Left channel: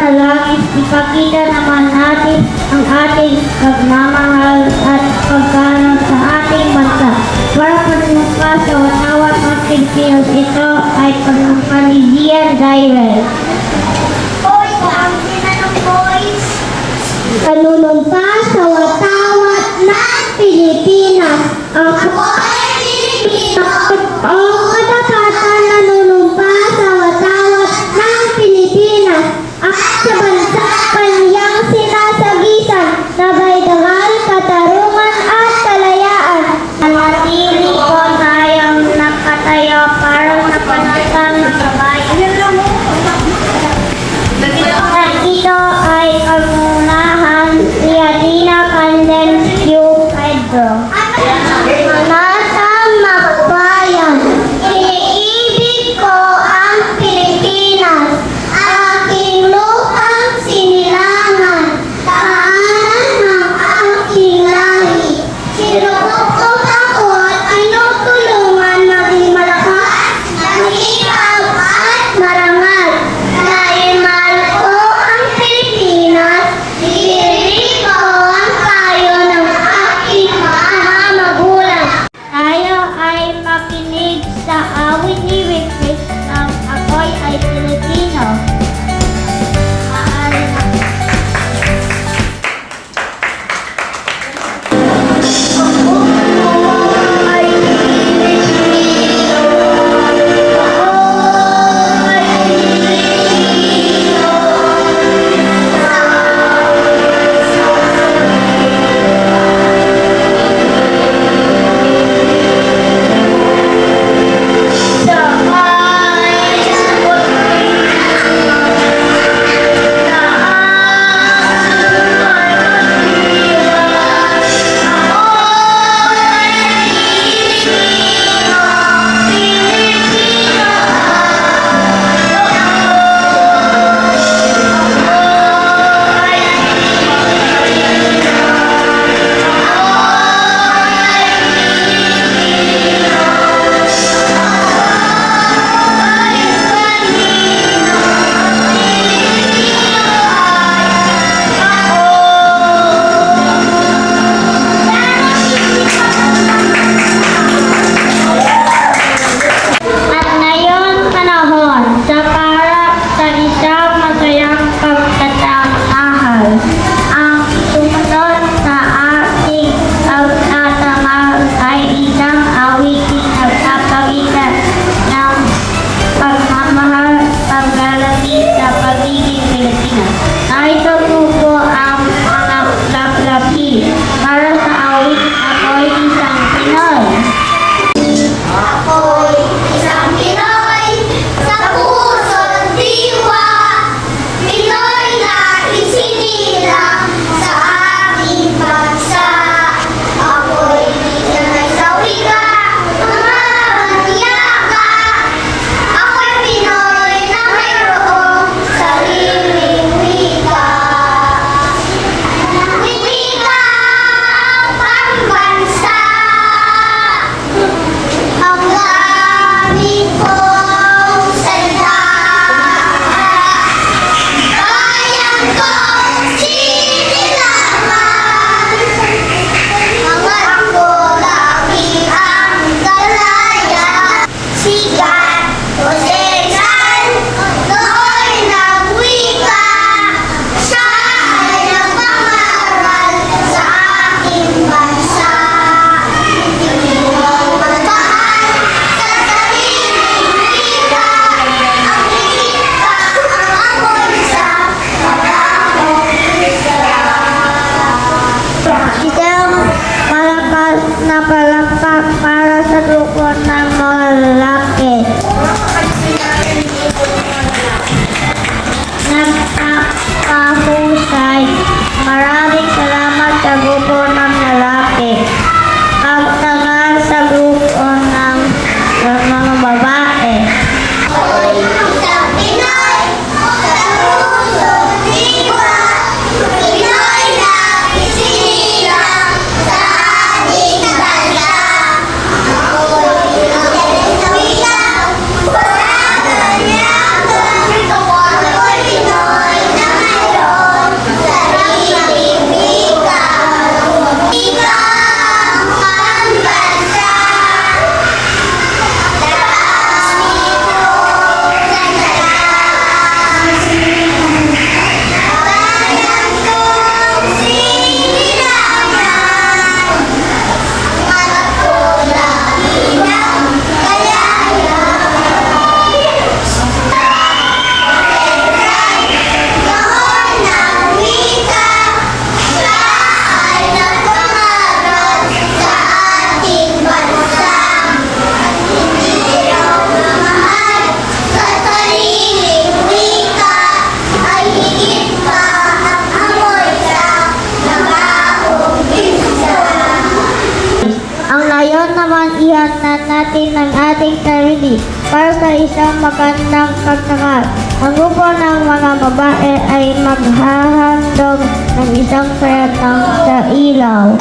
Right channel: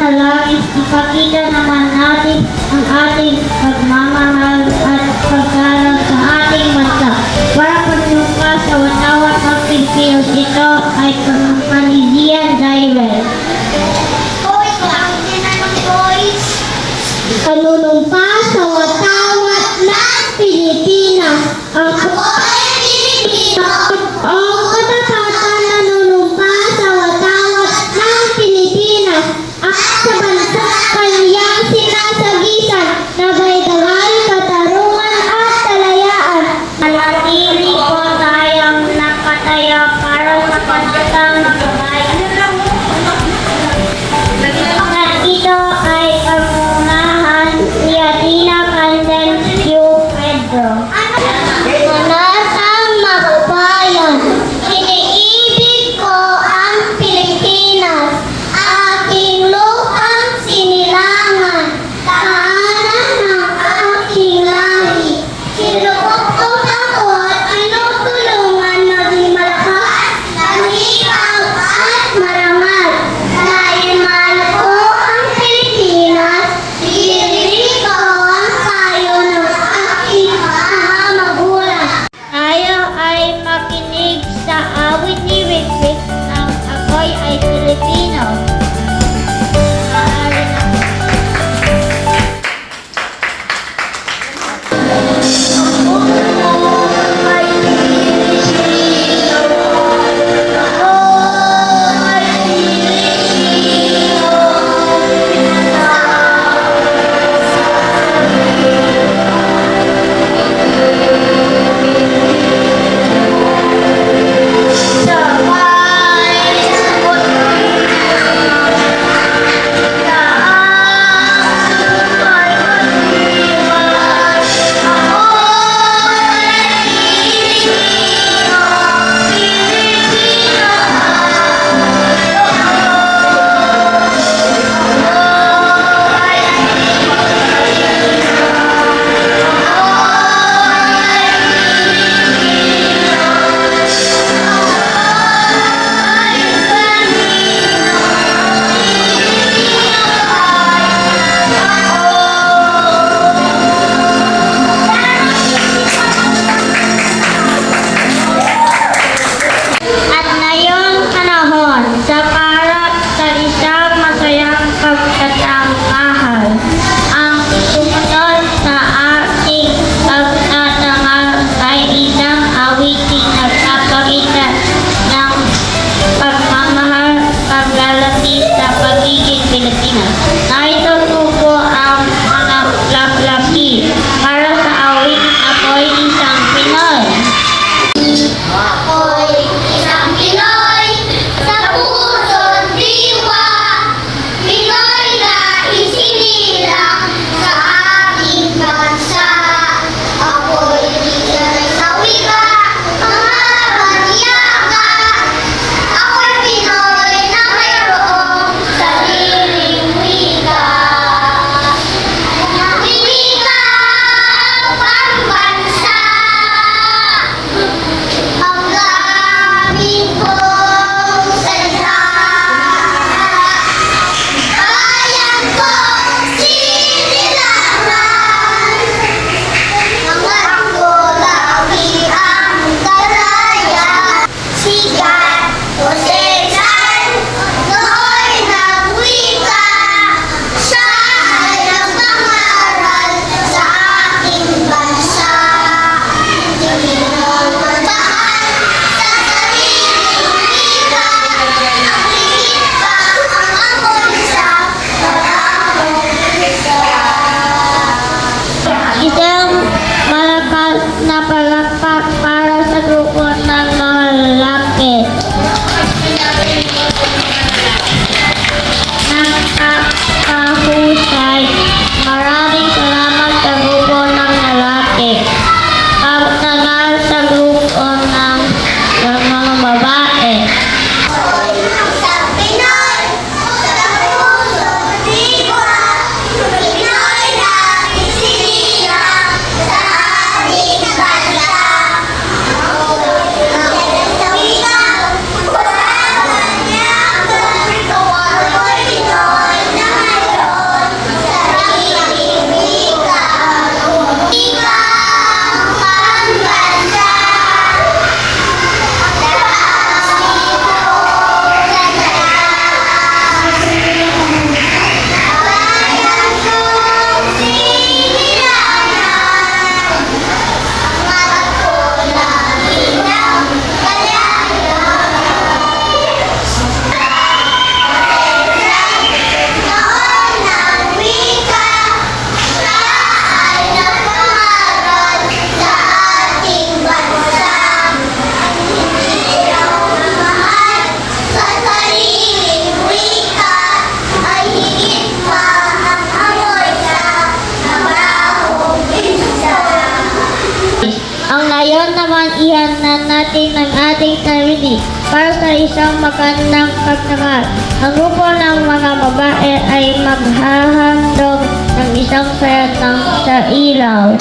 panalangin, ipakita naman natin ang ating pagmamahal at paggalang sa ating bansa. Para panumpa sa watawat ng Pilipinas, ito ay panumpa ni Gian Driver. Panunumpa sa watawat ng Pilipinas. Ako ay Pilipino. Ang katapatan nanunumpa sa watawat ng Pilipinas at sa bansa kanyang sinasagisan na may dangal, katarungan at kalayaan. Nanatili ko tayong nakatayo para sa pagkatang kabayan. At ito ay pangunahan ni Athena Candens Q. Pedro. Manasa magbayan, kailangan ihanan natin ang ating sarili para sa isang magandang pagkakal. Ang grupo ng mga babae ay maghahandog ng isang sayatang sa ilaw.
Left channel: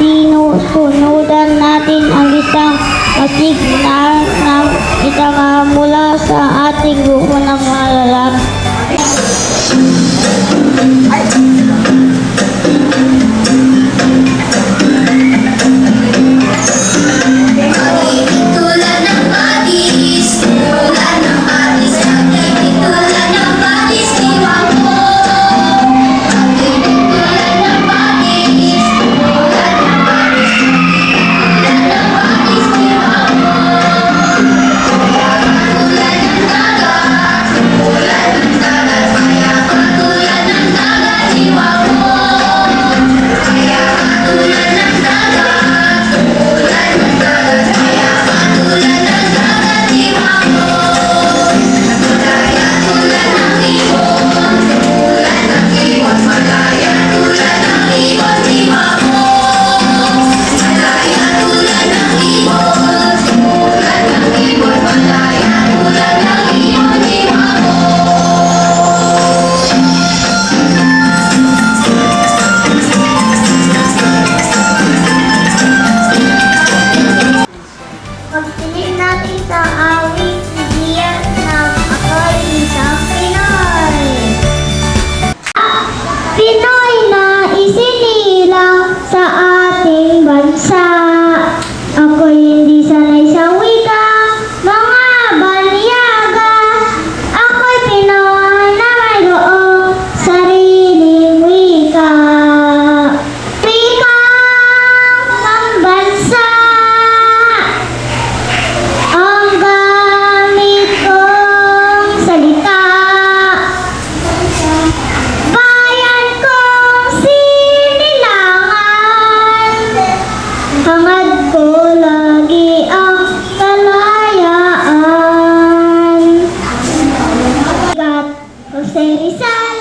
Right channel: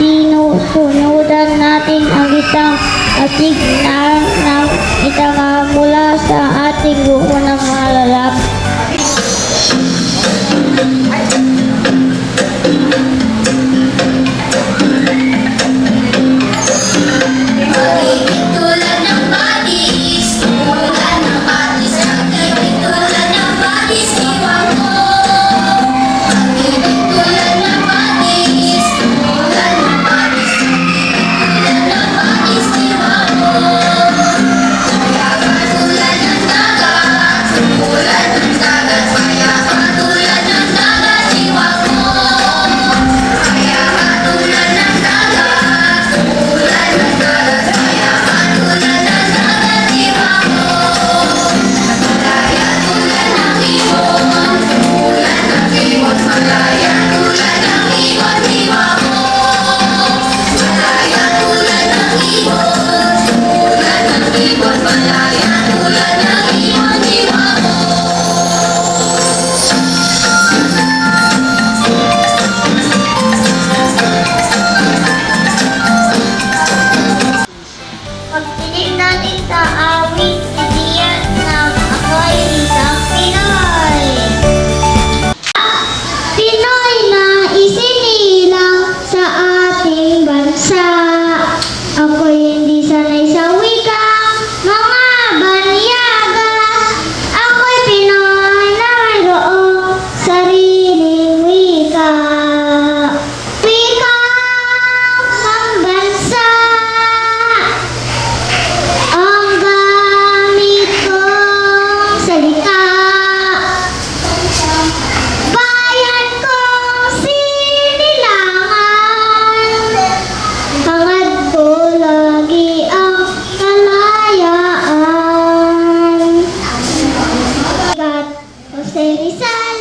Sinusunudan natin ang isang signal ng isang mula sa ating grupo ng mga lalaki. Pagtingin natin sa awit, sibiyan ng ako'y isang Pinoy. Pinoy na isinilang sa ating bansa. Ako'y hindi sanay sa wikang mga banyaga. Ako'y Pinoy na mayroong sariling wika. Wikang pambansa. Ang gamit kong salita, bayan kong sinilangan, hangad ko lagi ang kalayaan. Kat Jose Rizal,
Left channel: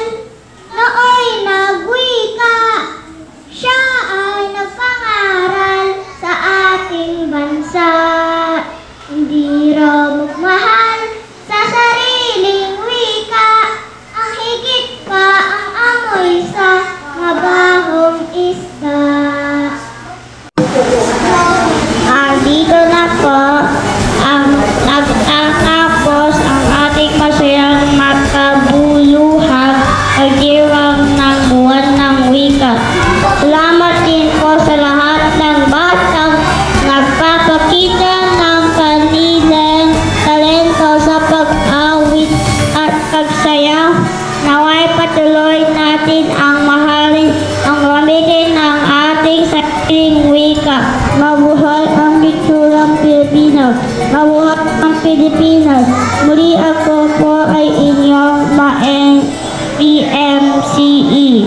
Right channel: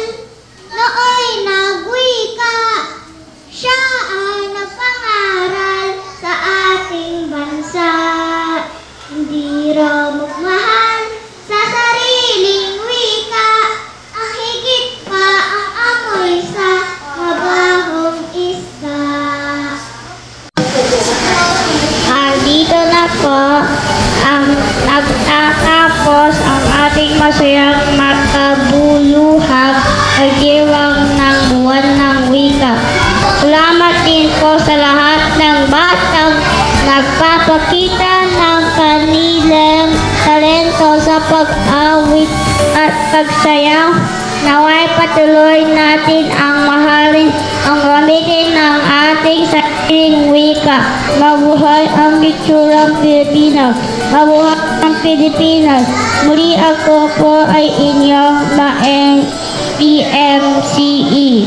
nooy nagwika, siya ay nagpangaral sa ating bansa. Hindi raw magmahal sa sariling wika, ang higit pa ang amoy sa mabahong isda. Dito na po ang nagtatapos ang ating masayang makabuluhang pagdiwang ng buwan ng wika. Salamat din po sa lahat ng batang nagpapakita ng kanilang talento sa pag-awit at pagsayaw. Naway patuloy natin ang mahalin ang gamitin ng ating sariling wika. Mabuhay ang litsurang Pilipinas. Mabuhay ang Pilipinas. Muli ako po ay inyong maeng PMCE.